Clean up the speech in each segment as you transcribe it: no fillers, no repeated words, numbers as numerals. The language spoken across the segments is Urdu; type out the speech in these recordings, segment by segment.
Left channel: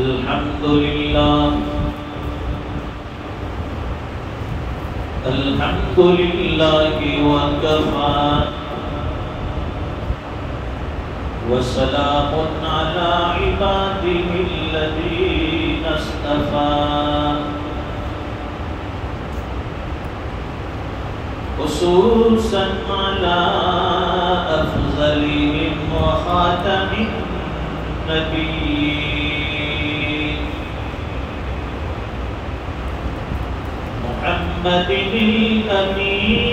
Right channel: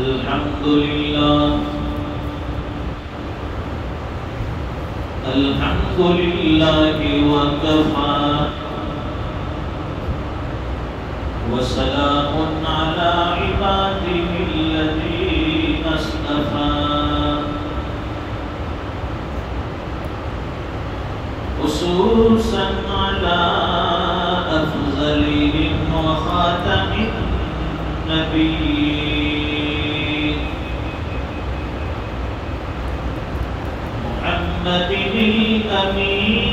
الحمد لله الحمد لله وكفى وسلام على عباده الذين اصطفى خصوصا على أفضلهم وخاتم النبيين محمد الأمين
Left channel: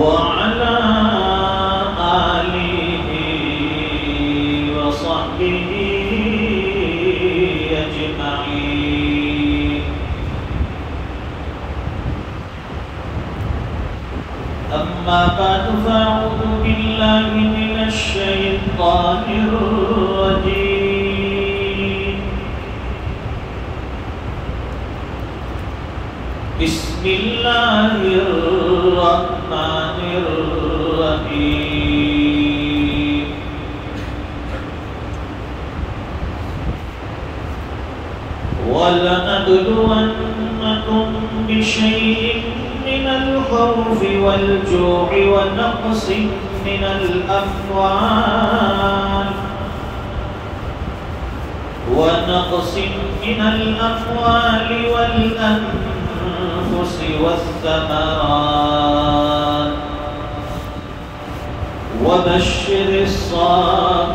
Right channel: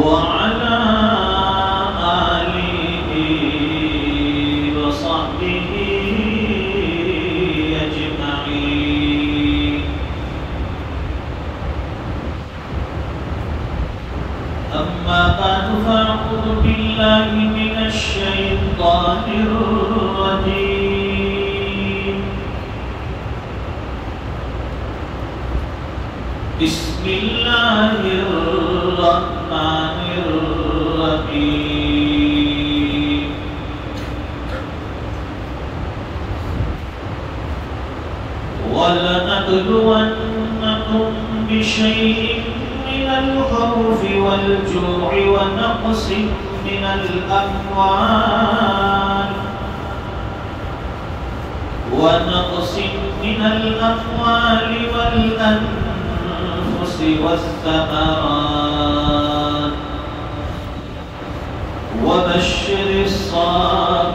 وعلى آله وصحبه أجمعين. أما بعد فأعوذ بالله من الشيطان الرجيم. بسم الله الرحمن الرحيم. ولنبلونكم بشيء من الخوف والجوع ونقص من الأموال والأنفس والثمرات وبشر الصابرين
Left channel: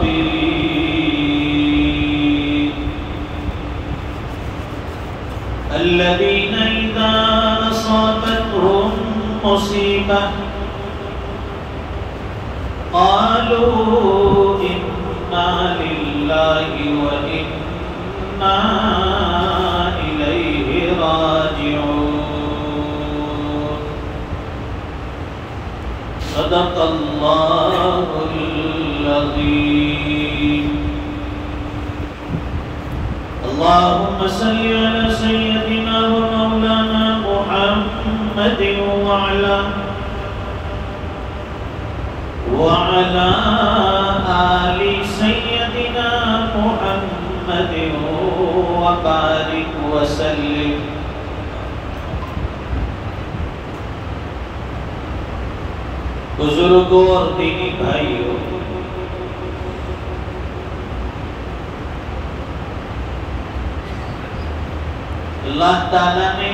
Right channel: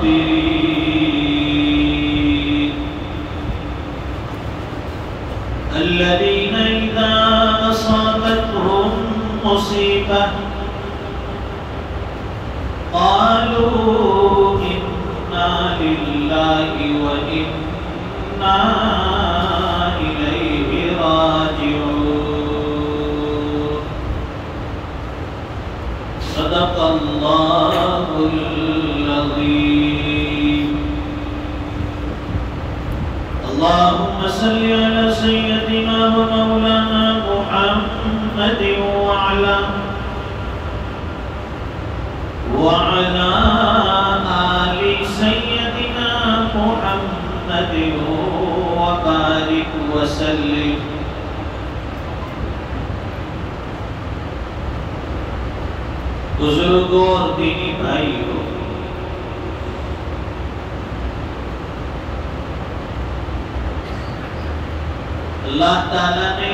الذين إذا أصابتهم مصيبة قالوا إنا لله وإنا إليه راجعون. صدق الله العظيم. اللهم صل على سيدنا ومولانا محمد وعلى آل سيدنا محمد وبارك وسلم. بزرگوں اور دینی بھائیوں، اللہ تعالیٰ نے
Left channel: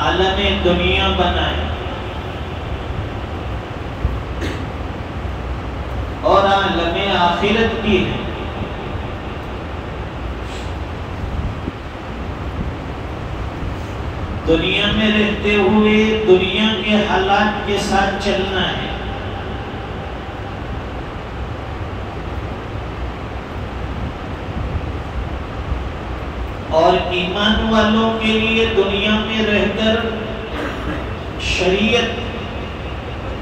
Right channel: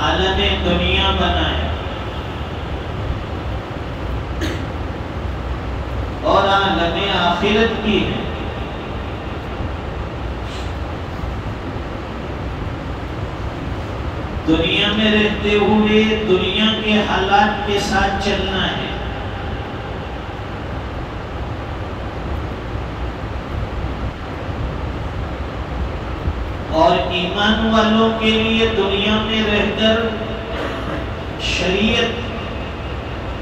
عالم دنیا بنائے اور عالم آخرت کی ہے. دنیا میں رہتے ہوئے دنیا کے حالات کے ساتھ چلنا ہے، اور ایمان والوں کے لیے دنیا میں رہ کر شریعت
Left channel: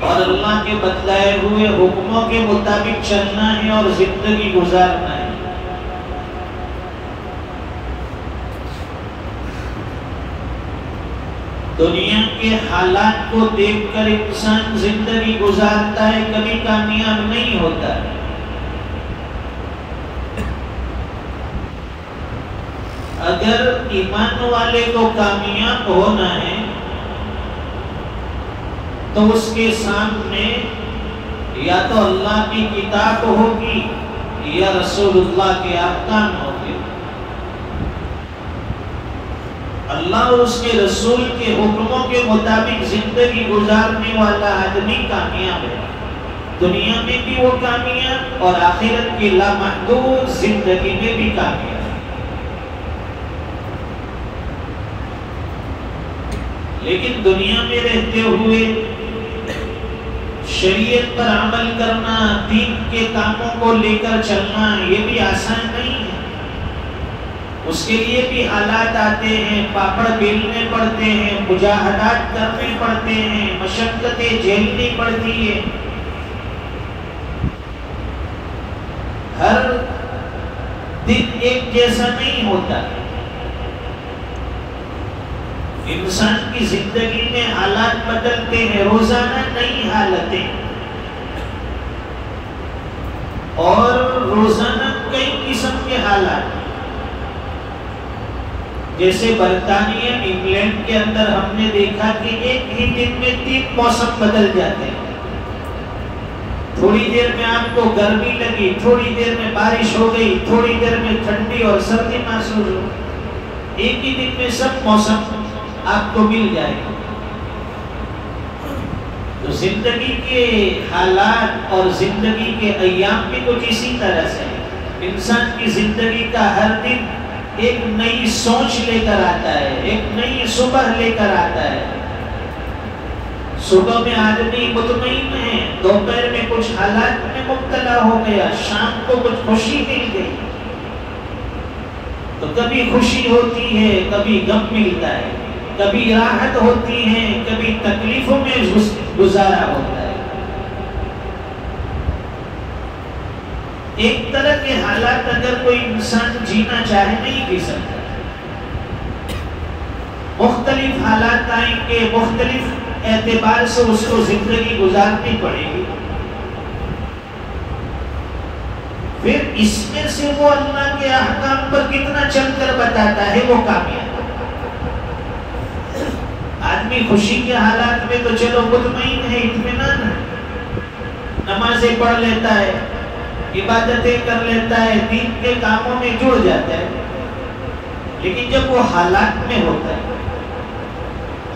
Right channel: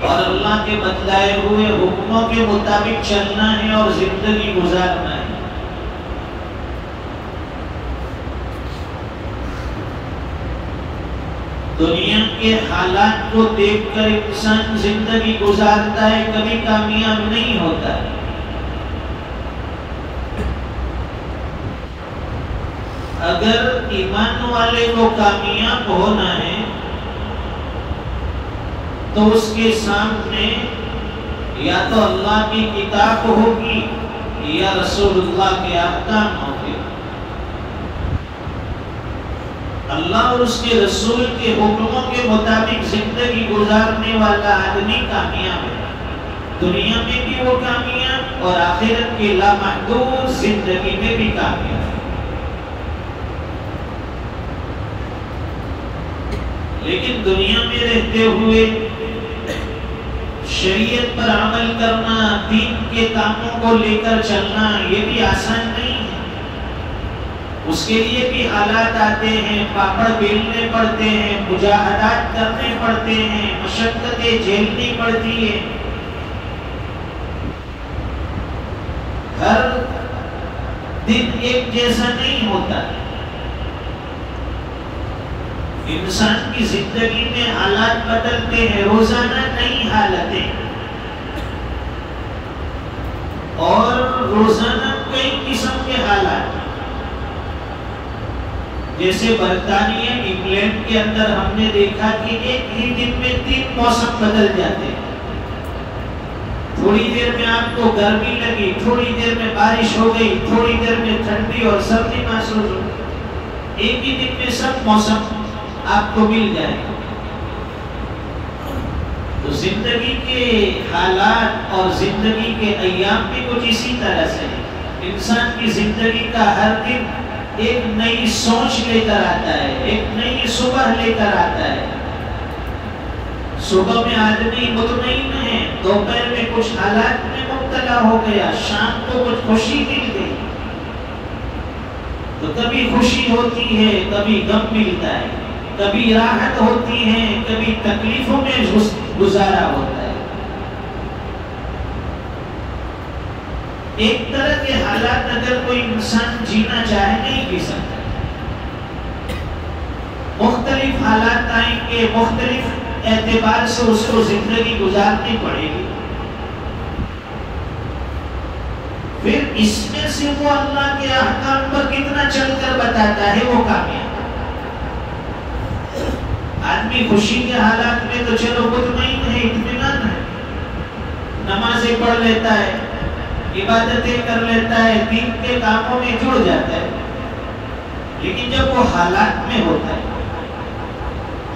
اور اللہ کے بتلائے ہوئے حکموں کے مطابق چلنا ہے اور زندگی گزارنا ہے. دنیا کے حالات کو دیکھ کر انسان زندگی گزارتا ہے، کبھی کامیاب نہیں ہوتا ہے. اگر ایمان والے کو کامیاب ہونا ہے تو اس کے سامنے یا تو اللہ کی کتاب ہوگی یا رسول اللہ کے احکام ہوگی. اللہ اور اس کے رسول کے حکموں کے مطابق زندگی گزارنے والا آدمی کامیاب ہے. دنیا میں بھی وہ کامیاب اور آخرت کی لامحدود زندگی میں بھی کامیاب. لیکن دنیا میں رہتے ہوئے شریعت پر عمل کرنا، دین کے کاموں کو لے کر چلنا، یہ بھی آسان نہیں ہے. اس کے لیے بھی حالات آتے ہیں، پاپڑ بیلنے پڑتے ہیں، مجاہدات کرنے پڑتے ہیں، مشقتیں جھیلنی پڑتی ہے. ہر دن ایک جیسا نہیں ہوتا. انسان کی زندگی میں حالات بدلتے ہیں، روزانہ نئی حالتیں، اور روزانہ کئی قسم کے حالات. جیسے برطانیہ انگلینڈ کے اندر ہم نے دیکھا کہ ایک ہی دن میں 3 موسم بدل جاتے ہیں. تھوڑی دیر میں آپ کو گرمی لگی، تھوڑی دیر میں بارش ہو گئی، تھوڑی دیر میں ٹھنڈی اور سردی محسوس ہو. ایک ہی دن میں سب موسم آپ کو مل جائے گا. تو زندگی کے حالات اور زندگی کے ایام بھی کچھ اسی طرح سے ہے. انسان کی زندگی کا ہر دن ایک نئی سوچ لے کر آتا ہے، ایک نئی صبح لے کر آتا ہے. صبح میں آدمی مطمئن ہے، دوپہر میں کچھ حالات میں مبتلا ہو گیا، شام کو کچھ خوشی مل گئی. تو کبھی خوشی ہوتی ہے، کبھی غم ملتا ہے، کبھی راحت ہوتی ہے، کبھی تکلیفوں میں گزارا ہوتا ہے. ایک طرح کے حالات اگر کوئی انسان جینا چاہے نہیں جی سکتا. مختلف حالات آئیں گے، مختلف اعتبار سے اس کو زندگی گزارنی پڑے گی. پھر اس میں سے وہ اللہ کے احکام پر کتنا چل کر بتاتا ہے وہ کامیاب. آدمی خوشی کے حالات میں تو چلو مطمئن ہے، اطمینان ہے، نمازیں پڑھ لیتا ہے، عبادتیں کر لیتا ہے، دین کے کاموں میں جڑ جاتا ہے. لیکن جب وہ حالات میں ہوتا ہے،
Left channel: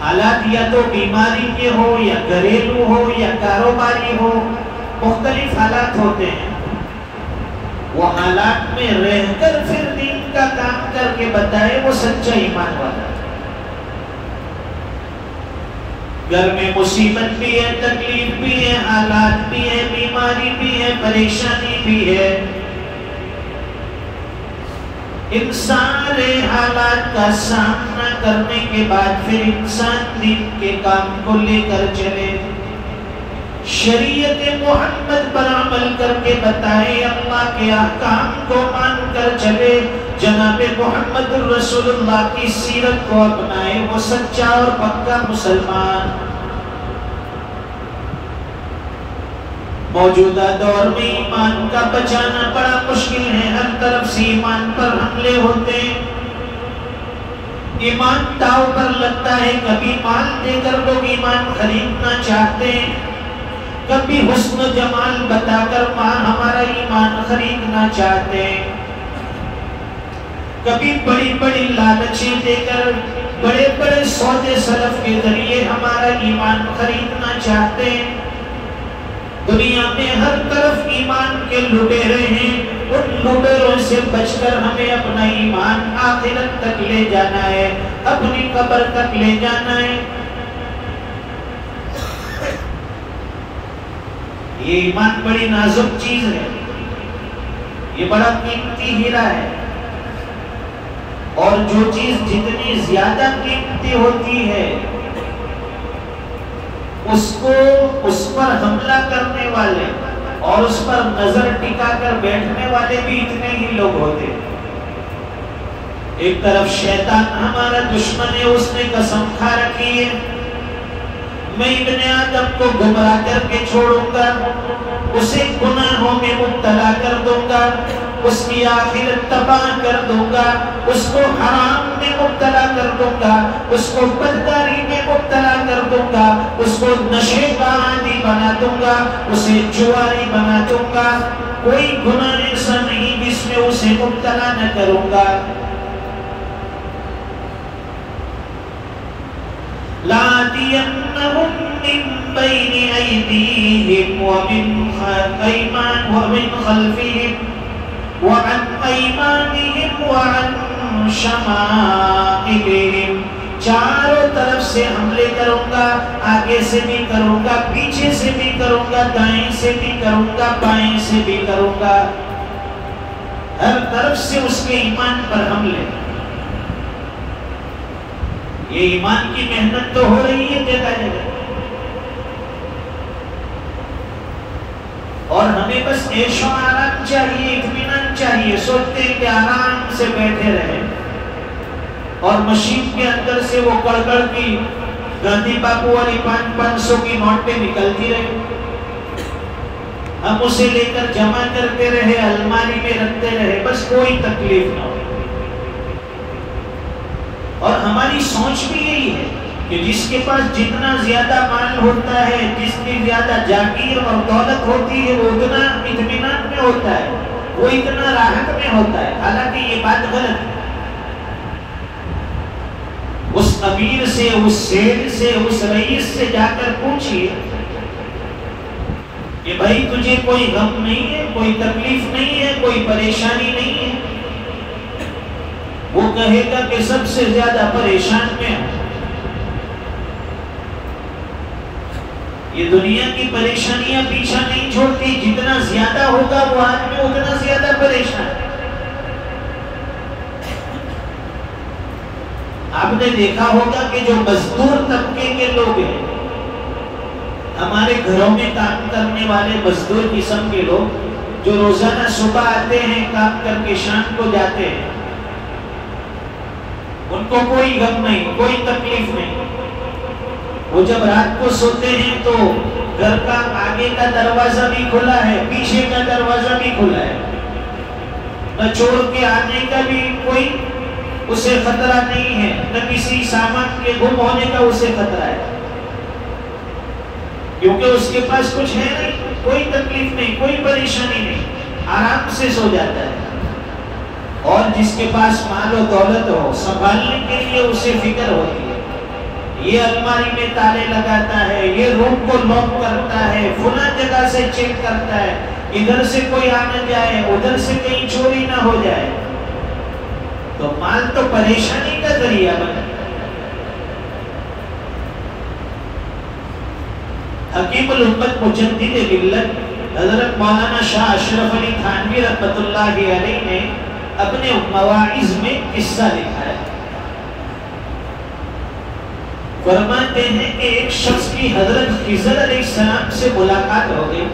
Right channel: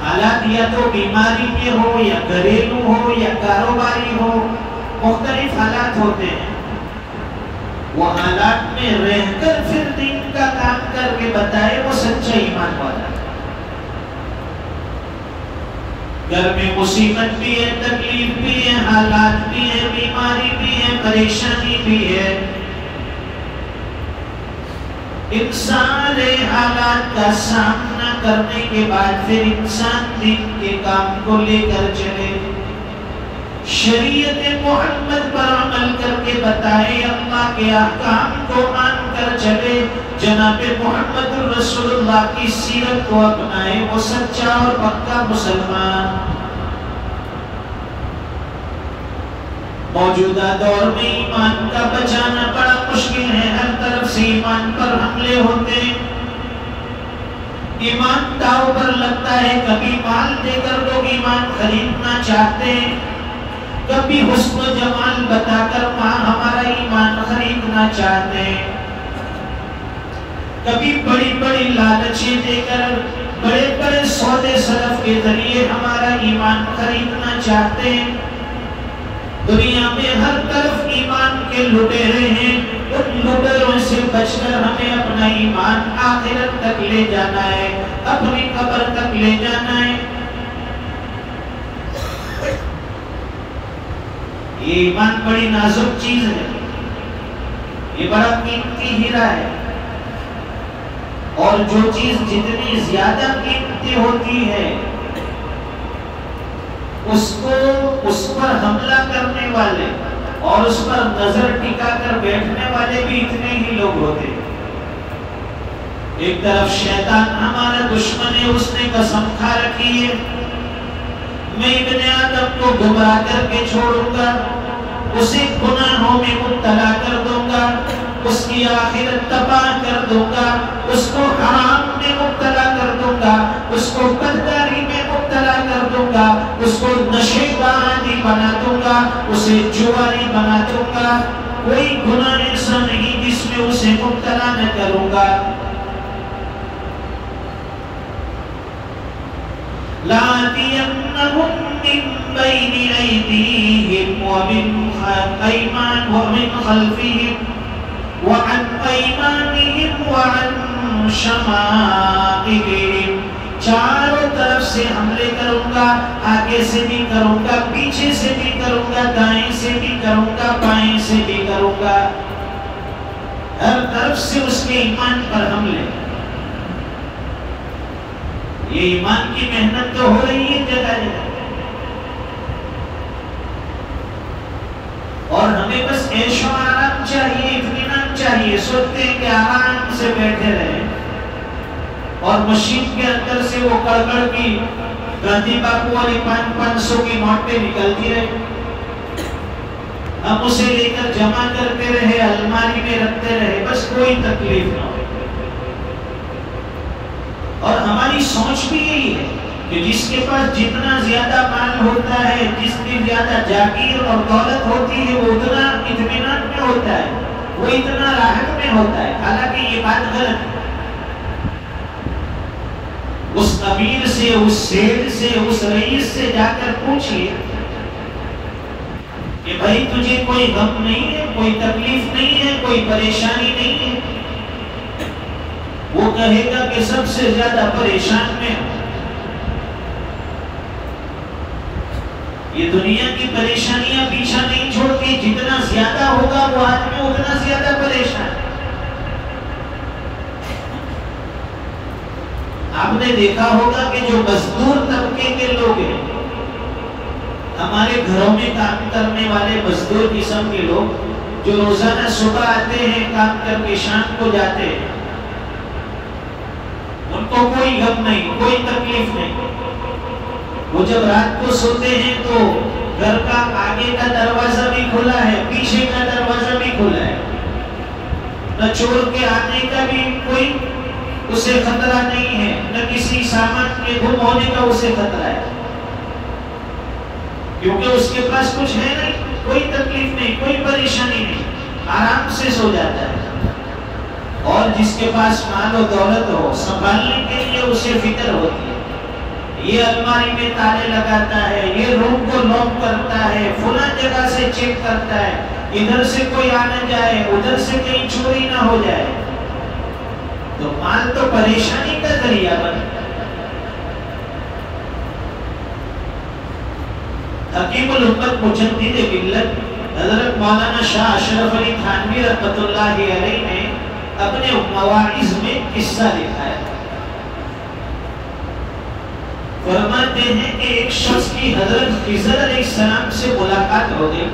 حالات یا تو بیماری کے ہو یا گھریلو ہو یا کاروباری ہو، مختلف حالات ہوتے ہیں. وہ حالات میں رہ کر پھر دین کا کام کر کے بتائے وہ سچا ایمان والا ہے. گھر میں مصیبت بھی ہے، تکلیف بھی ہے، حالات بھی ہے، بیماری بھی ہے، پریشانی بھی ہے. ان سارے حالات کا سامنا کرنے کے بعد پھر انسان دین کے کام کو لے کر چلے، شریعت محمد پر عمل کر کے بتائے، اللہ کے احکام کو مان کر چلے، جناب محمد رسول اللہ کی سیرت کو اپنائے، وہ سچا اور پکا مسلمان. موجودہ دور میں ایمان کا بچانا بڑا مشکل ہے. ہر طرف سے ایمان پر حملے ہوتے ہیں، ایمان داؤ پر لگتا ہے. کبھی مال دے کر لوگ ایمان خریدنا چاہتے ہیں، کبھی حسن و جمال بتا کر ہمارا ایمان خریدنا چاہتے ہیں، کبھی بڑی بڑی لالچیں دے کر بڑے بڑے سودے سلف کے ذریعے ہمارا ایمان خریدنا چاہتے ہیں. دنیا میں ہر طرف ایمان کے لٹیرے ہیں. ان لٹیروں سے بچ کر ہمیں اپنا ایمان آخرت تک لے جانا ہے، اپنی قبر تک لے جانا ہے. یہ ایمان بڑی نازک چیز ہے، یہ بڑا قیمتی ہیرا ہے. اور جو چیز جتنی زیادہ قیمتی ہوتی ہے اس پر حملہ کرنے والے اور اس پر نظر ٹکا کر بیٹھنے والے بھی اتنے ہی لوگ ہوتے ہیں. ایک طرف شیطان ہمارا دشمن ہے، اس نے قسم کھا رکھی ہے میں ابن آدم کو گمراہ کر کے چھوڑوں گا، اسے گناہوں میں مبتلا کر دوں گا، اس کی آخرت تباہ کر دوں گا، اس کو حرام میں مبتلا کر دوں گا، اس کو بدکاری میں مبتلا کر دوں گا، اس کو نشے کا عادی بنا دوں گا، اسے جواری بنا دوں گا. کوئی گناہ ایسا نہیں جس میں اسے مبتلا نہ کروں گا. لَآتِيَنَّهُم مِّن بَيْنِ أَيْدِيهِمْ وَمِنْ خَلْفِهِمْ وَعَنْ أَيْمَانِهِمْ وَعَنْ شَمَائِلِهِمْ. چاروں طرف سے حملے کروں گا، آگے سے بھی کروں گا، پیچھے سے بھی کروں گا، دائیں سے بھی کروں گا، بائیں سے بھی کروں گا. ہر طرف سے اس کے ایمان پر حملے. یہ ایمان کی محنت تو ہو رہی ہے جگہ جگہ، اور ہمیں بس عیش و آرام چاہیے، اطمینان چاہیے. سوچتے ہیں کہ آرام سے بیٹھے رہیں، اور مشین کے اندر سے وہ کڑکڑ کی گاندھی باپو والی 500 کی نوٹ پہ نکلتی رہے، ہم اسے لے کر جمع کرتے رہے، الماری میں رکھتے رہے، بس کوئی تکلیف نہ ہو۔ اور ہماری سوچ بھی یہی ہے کہ جس کے پاس جتنا زیادہ مال ہوتا ہے، جتنی زیادہ جاگیر اور دولت ہوتی ہے، وہ اتنا اطمینان میں ہوتا ہے، وہ اتنا راحت میں ہوتا ہے۔ حالانکہ یہ بات غلط ہے۔ اس امیر سے، اس سید سے، اس رئیس سے جا کر پوچھئے کہ بھائی تجھے کوئی غم نہیں ہے، کوئی تکلیف نہیں ہے، کوئی پریشانی نہیں ہے؟ وہ کہے گا کہ سب سے زیادہ پریشان میں ہوں۔ یہ دنیا کی پریشانیاں پیچھا نہیں چھوڑتی، جتنا زیادہ ہوگا وہ آدمی اتنا زیادہ پریشان ہے۔ آپ نے دیکھا ہوگا کہ جو مزدور طبقے کے لوگ ہیں، ہمارے گھروں میں کام کرنے والے مزدور قسم کے لوگ جو روزانہ صبح آتے ہیں کام کر کے شام کو جاتے ہیں، ان کو کوئی غم نہیں، کوئی تکلیف نہیں۔ وہ جب رات کو سوتے ہیں تو گھر کا آگے کا دروازہ بھی کھلا ہے، پیچھے کا دروازہ بھی کھلا ہے، نہ چور کے آنے کا بھی کوئی اسے خطرہ نہیں ہے، نہ کسی سامان کے گم ہونے کا اسے خطرہ ہے، کیونکہ اس کے پاس کچھ ہے نہیں، کوئی تکلیف نہیں، کوئی پریشانی نہیں، آرام سے سو جاتا ہے۔ اور جس کے پاس مال و دولت ہو، سنبھالنے کے لیے اسے فکر ہوتی ہے، یہ الماری میں تالے لگاتا ہے، یہ روم کو لاک کرتا ہے، فلاں جگہ سے چیک کرتا ہے، ادھر سے کوئی آ نہ جائے، ادھر سے کہیں چوری نہ ہو جائے۔ تو مال تو پریشانی کا ذریعہ بنا۔ حکیم الامت مجدد ملت حضرت مولانا شاہ اشرف علی تھانوی رحمۃ اللہ علیہ نے اپنے مواعظ میں قصہ لکھا ہے۔ فرماتے ہیں کہ ایک شخص کی حضرت خضر علیہ السلام سے ملاقات ہو گئی۔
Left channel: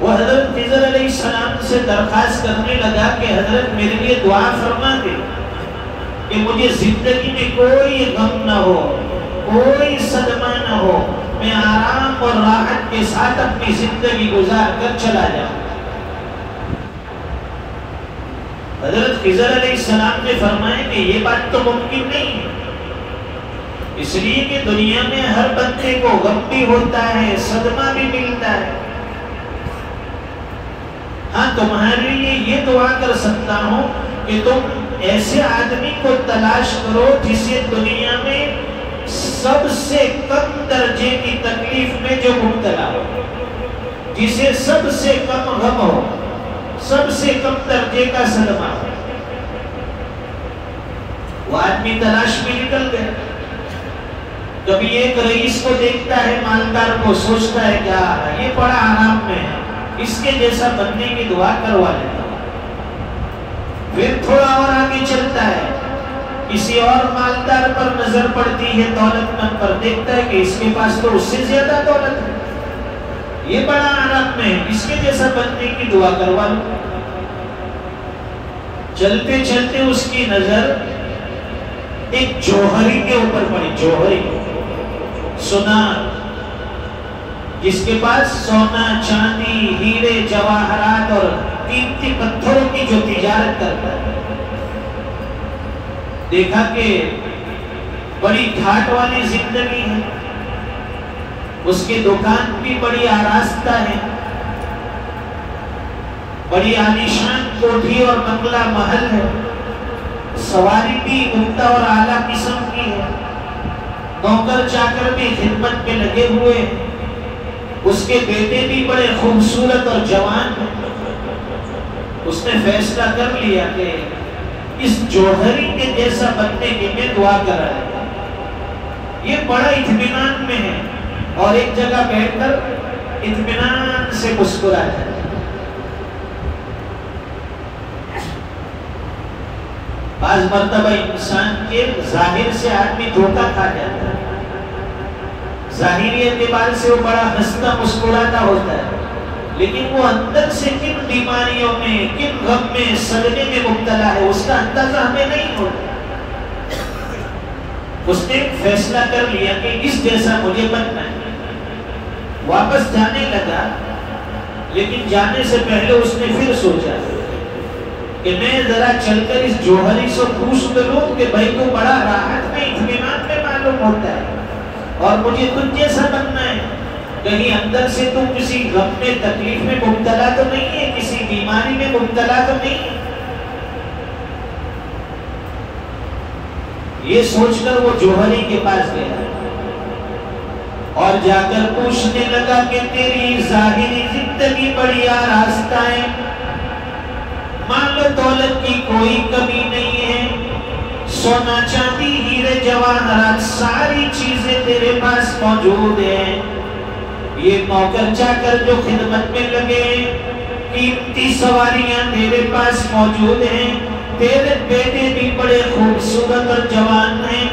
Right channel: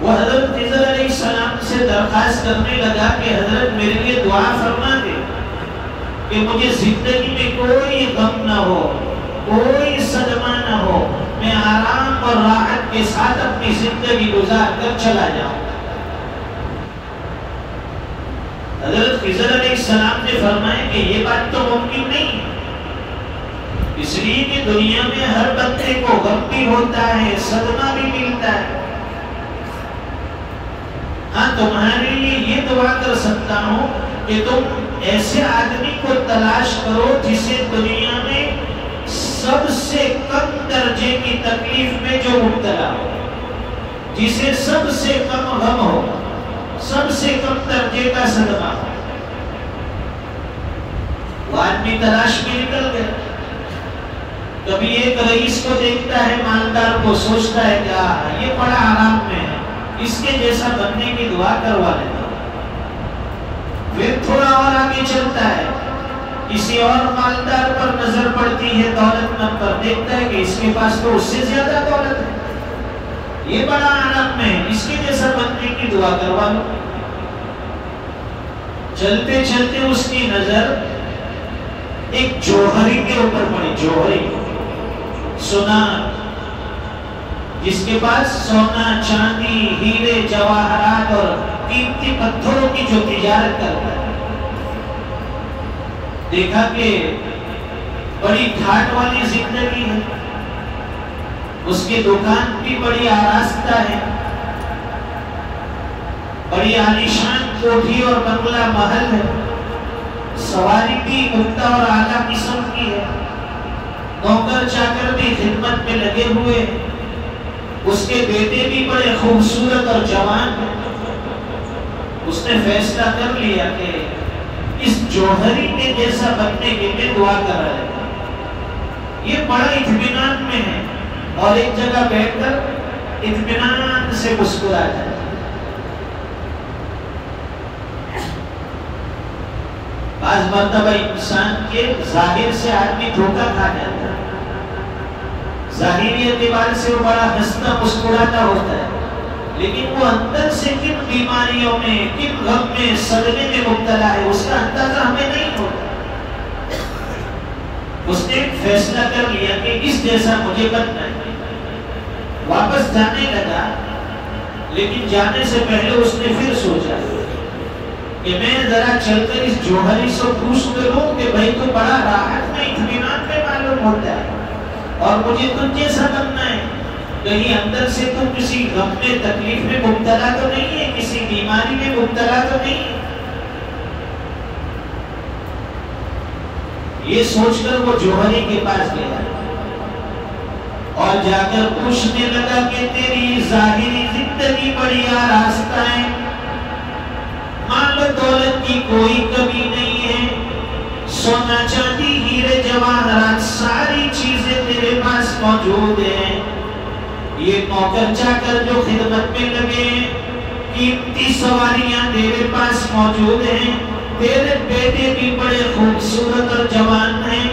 وہ حضرت خضر علیہ السلام سے درخواست کرنے لگا کہ حضرت میرے لیے دعا فرما دے کہ مجھے زندگی میں کوئی غم نہ ہو، کوئی صدمہ نہ ہو، میں آرام اور راحت کے ساتھ اپنی زندگی گزار کر چلا جاؤں۔ حضرت خضر علیہ السلام نے فرمایا کہ یہ بات تو ممکن نہیں ہے، اس لیے کہ دنیا میں ہر بندے کو غم بھی ہوتا ہے، صدمہ بھی ملتا ہے۔ ہاں تمہارے لیے یہ دعا کر سکتا ہوں کہ تم ایسے آدمی کو تلاش کرو جسے دنیا میں سب سے کم درجے کی تکلیف میں جو مبتلا ہو، جسے سب سے کم غم ہو، سب سے کم درجے کا صدمہ ہو۔ وہ آدمی تلاش میں نکل گیا۔ کبھی ایک رئیس کو دیکھتا ہے، مالدار کو، سوچتا ہے کیا یہ بڑا آرام میں ہے، اس کے جیسا بننے کی دعا کروا لیتا۔ پھر تھوڑا اور آگے چلتا ہے، کسی اور مالدار پر نظر پڑتی ہے، دولت مند پر، دیکھتا ہے کہ اس کے پاس تو اس سے زیادہ دولت ہے، یہ بڑا آرام میں ہے، اس کے جیسا بننے کی دعا کروا لو۔ چلتے چلتے اس کی نظر ایک جوہری کے اوپر پڑی، جوہری، سونا، جس کے پاس سونا، چاندی، ہیرے، جواہرات اور قیمتی پتھروں کی جو تجارت کرتا ہے۔ دیکھا کہ بڑی ٹھاٹ والی زندگی ہے، اس کی دکان بھی بڑی آراستہ ہے، بڑی عالیشان کوٹھی اور بنگلہ محل ہے، سواری بھی عمدہ اور اعلیٰ قسم کی ہے، نوکر چاکر بھی خدمت میں لگے ہوئے، اس کے بیٹے بھی بڑے خوبصورت اور جوان ہیں۔ اس نے فیصلہ کر لیا کہ اس جوہری کے جیسا بننے کے لیے دعا کر رہا ہے، یہ بڑا اطمینان میں ہے، اور ایک جگہ بیٹھ کر اطمینان سے مسکرا جائے۔ بعض مرتبہ انسان کے ظاہر سے آدمی دھوکہ کھا جاتا ہے، ظاہری اعتبار سے وہ بڑا ہنستا مسکراتا ہوتا ہے، لیکن وہ اندر سے کن بیماریوں میں، کن غم میں، صدمے میں مبتلا ہے، اس کا اندازہ ہمیں نہیں ہوتا۔ اس نے ایک فیصلہ کر لیا کہ اس جیسا مجھے بننا ہے، واپس جانے لگا، لیکن جانے سے پہلے اس نے پھر سوچا کہ میں ذرا چل کر اس جوہری سے پوچھ کروں کہ بھائی تو بڑا راحت میں، اطمینان میں معلوم ہوتا ہے، اور مجھے تم جیسا بننا ہے، کہیں اندر سے تم کسی غم میں، تکلیف میں مبتلا تو نہیں ہے، کسی بیماری میں مبتلا تو نہیں ہے۔ یہ سوچ کر وہ جوہری کے پاس گیا اور جا کر پوچھنے لگا کہ تیری ظاہری زندگی بڑی آراستہ ہے، مال و دولت کی کوئی کمی نہیں ہے، سونا چاندی ہیرے جواہرات ساری چیزیں تیرے پاس موجود ہیں، یہ نوکر چاکر جو خدمت میں لگے، قیمتی سواریاں تیرے پاس موجود ہیں، تیرے بیٹے بھی بڑے خوبصورت اور جوان ہیں،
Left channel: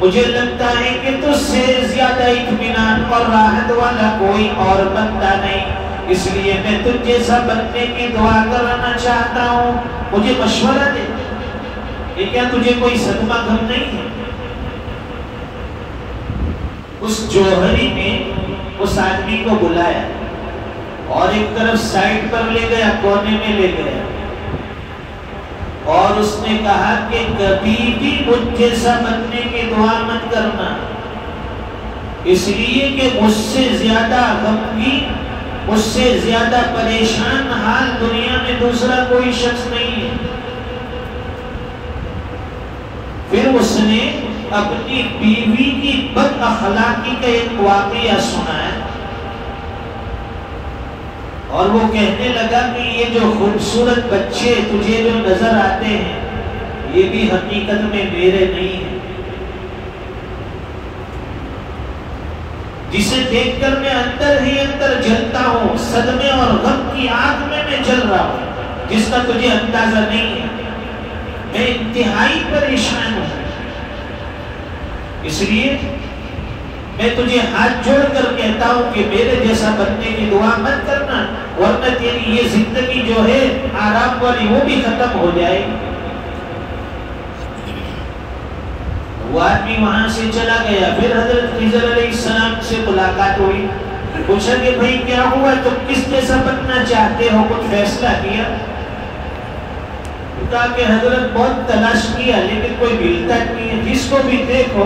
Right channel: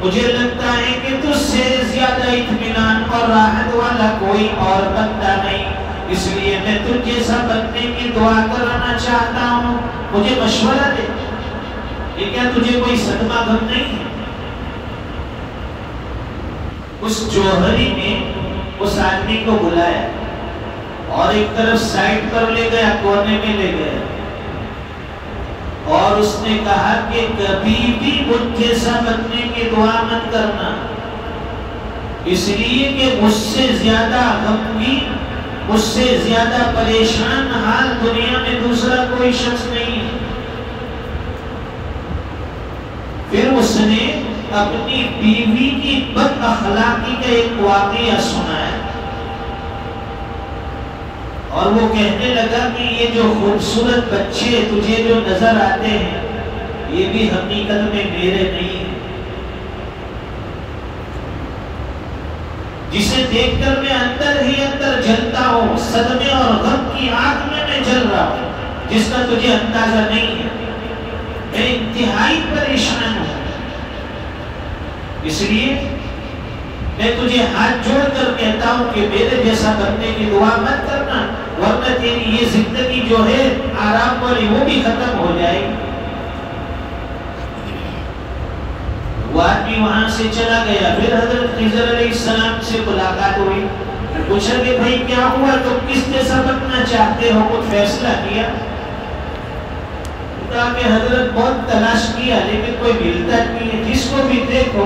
مجھے لگتا ہے کہ تجھ سے زیادہ اطمینان اور راحت والا کوئی اور بندہ نہیں، اس لیے میں تجھ جیسا بننے کی دعا کرنا چاہتا ہوں، مجھے مشورہ دے، یہ کیا تجھے کوئی صدمہ غم نہیں ہے؟ اس جوہری نے اس آدمی کو بلایا اور ایک طرف سائڈ پر لے گیا، کونے میں لے گیا، اور اس نے کہا کہ کبھی بھی مجھ جیسا بننے کی دعا مت کرنا، اس لیے کہ مجھ سے زیادہ غمگین، مجھ سے زیادہ پریشان حال دنیا میں دوسرا کوئی شخص نہیں ہے۔ پھر اس نے اپنی بیوی کی بد اخلاقی کا ایک واقعہ سنایا اور وہ کہنے لگا کہ یہ جو خوبصورت بچے تجھے جو نظر آتے ہیں یہ بھی حقیقت میں میرے نہیں ہیں، جسے دیکھ کر میں اندر ہی اندر جلتا ہوں، صدمے اور غم کی آگ میں جل رہا ہوں، جس کا تجھے اندازہ نہیں ہے، میں انتہائی پریشان ہوں، اس لیے میں تجھے ہاتھ جوڑ کر کہتا ہوں کہ میرے جیسا بننے کی دعا مت کرنا، ورنہ تیری یہ زندگی جو ہے آرام والی وہ بھی ختم ہو جائے گی۔ وہ آدمی وہاں سے چلا گیا، پھر حضرت خضر علیہ السلام سے ملاقات ہوئی، پوچھا کہ بھائی کیا ہوا، تم کس جیسا بننا چاہتے ہو، کچھ فیصلہ کیا؟ کہا کہ حضرت بہت تلاش کیا لیکن کوئی ملتا نہیں ہے، جس کو بھی دیکھو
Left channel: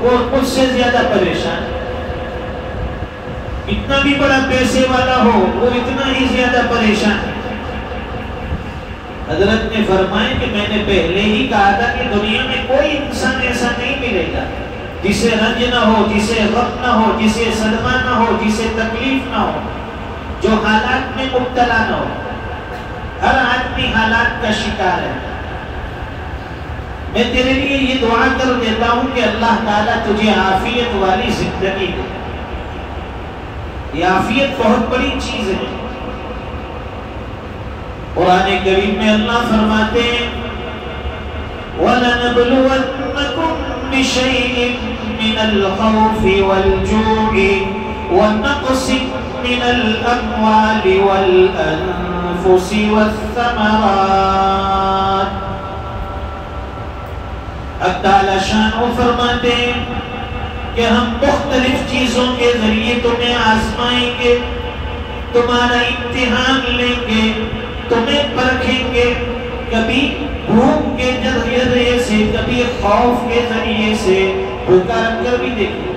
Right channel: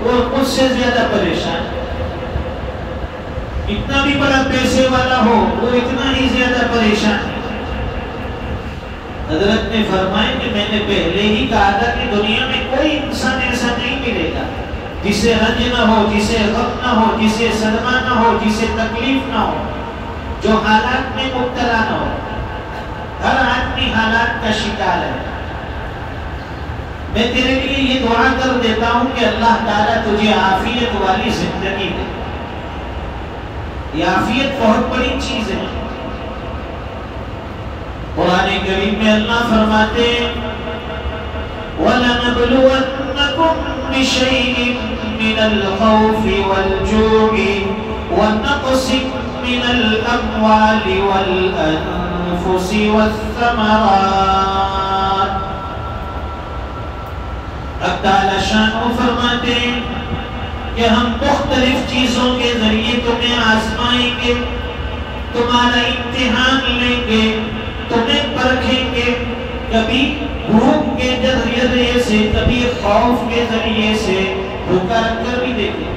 وہ مجھ سے زیادہ پریشان، اتنا بھی بڑا پیسے والا ہو وہ اتنا ہی زیادہ پریشان ہے۔ حضرت نے فرمایا کہ میں نے پہلے ہی کہا تھا کہ دنیا میں کوئی انسان ایسا نہیں ملے گا جسے رنج نہ ہو، جسے غم نہ ہو، جسے صدمہ نہ ہو، جسے تکلیف نہ ہو، جو حالات میں مبتلا نہ ہو۔ ہر آدمی حالات کا شکار ہے۔ میں تیرے لیے یہ دعا کر دیتا ہوں کہ اللہ تعالیٰ تجھے عافیت والی زندگی دے۔ یہ عافیت بہت بڑی چیز ہے۔ قرآن کریم میں اللہ فرماتے ہیں وَلَنَبْلُوَنَّكُمْ بِشَيْءٍ مِّنَ الْخَوْفِ وَالْجُوعِ وَنَقْصٍ مِّنَ الْأَمْوَالِ وَالْأَنفُسِ وَالثَّمَرَاتِ۔ اللہ تعالیٰ شان فرماتے ہیں کہ ہم مختلف چیزوں کے ذریعے تمہیں آزمائیں گے، تمہارا امتحان لیں گے، تمہیں پرکھیں گے، کبھی بھوک کے ذریعے سے، کبھی خوف کے ذریعے سے، بھوکا رکھ کر بھی دیکھیں،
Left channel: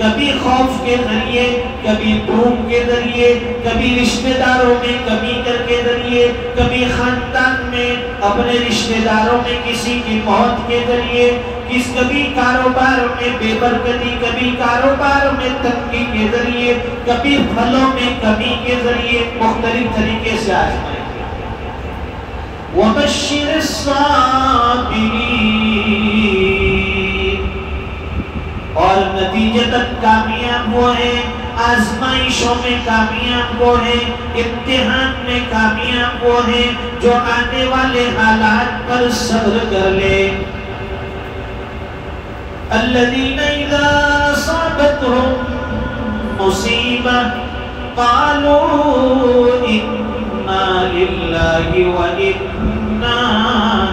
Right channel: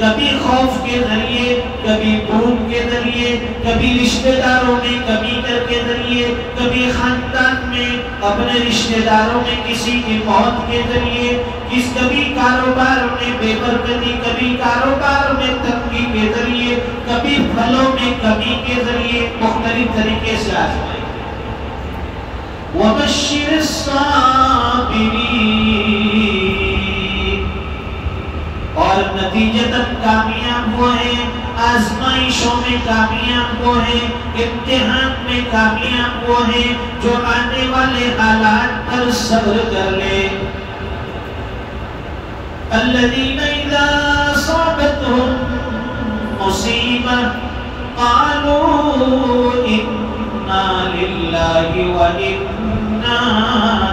کبھی خوف کے ذریعے، کبھی بھوک کے ذریعے، کبھی رشتہ داروں میں کمی کر کے ذریعے، کبھی خاندان میں اپنے رشتہ داروں میں کسی کی موت کے ذریعے، کبھی کاروبار میں بے برکتی، کبھی کاروبار میں تنگی کے ذریعے، کبھی پھلوں میں کمی کے ذریعے، مختلف طریقے سے آزمائیں۔ وَبَشِّرِ الصَّابِرِينَ، اور نتیجتاً کامیاب وہ ہیں، آزمائشوں میں کامیاب وہ ہیں، امتحان میں کامیاب وہ ہیں جو آنے والے حالات پر صبر کر لے۔ الذين إذا أصابتهم مصيبة قالوا انا للہ وانا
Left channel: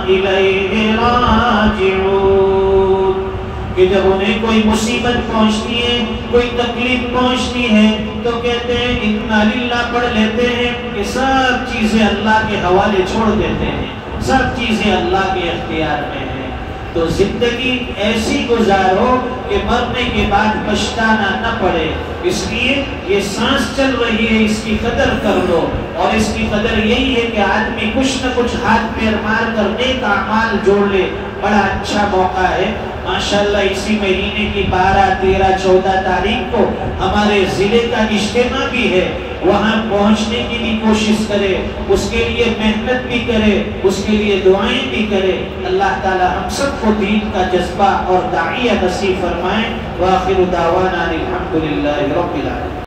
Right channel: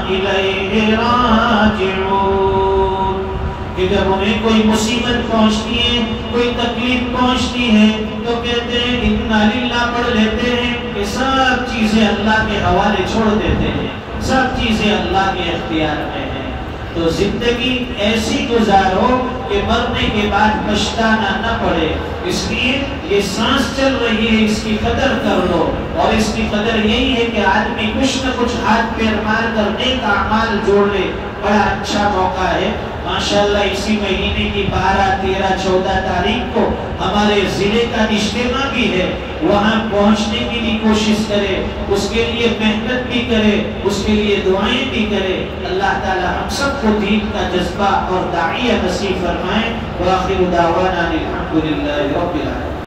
الیہ راجعون، کہ جب انہیں کوئی مصیبت پہنچتی ہے، کوئی تکلیف پہنچتی ہے تو کہتے ہیں انا للہ پڑھ لیتے ہیں کہ سب چیزیں اللہ کے حوالے چھوڑ دیتے ہیں، سب چیزیں اللہ کے اختیار میں ہیں۔ تو زندگی ایسی گزارو کہ مرنے کے بعد پچھتانا نہ پڑے، اس لیے یہ سانس چل رہی ہے اس کی قدر کر لو، اور اس کی قدر یہی ہے کہ آدمی کچھ نہ کچھ ہاتھ پیر مار کر نیک اعمال جوڑ لے۔ بڑا اچھا موقع ہے ماشاءاللہ، اسی مہینے کی 12، 13، 14 تاریخ کو ہمارے ضلع کا اجتماع بھی ہے، وہاں پہنچنے کی بھی کوشش کرے، اس کے لیے محنت بھی کرے، اس کے لیے دعائیں بھی کرے۔ اللہ تعالی ہم سب کو دین کا جذبہ اور داعیہ نصیب فرمائے۔ وآخر دعوانا الحمدللہ رب العالمین۔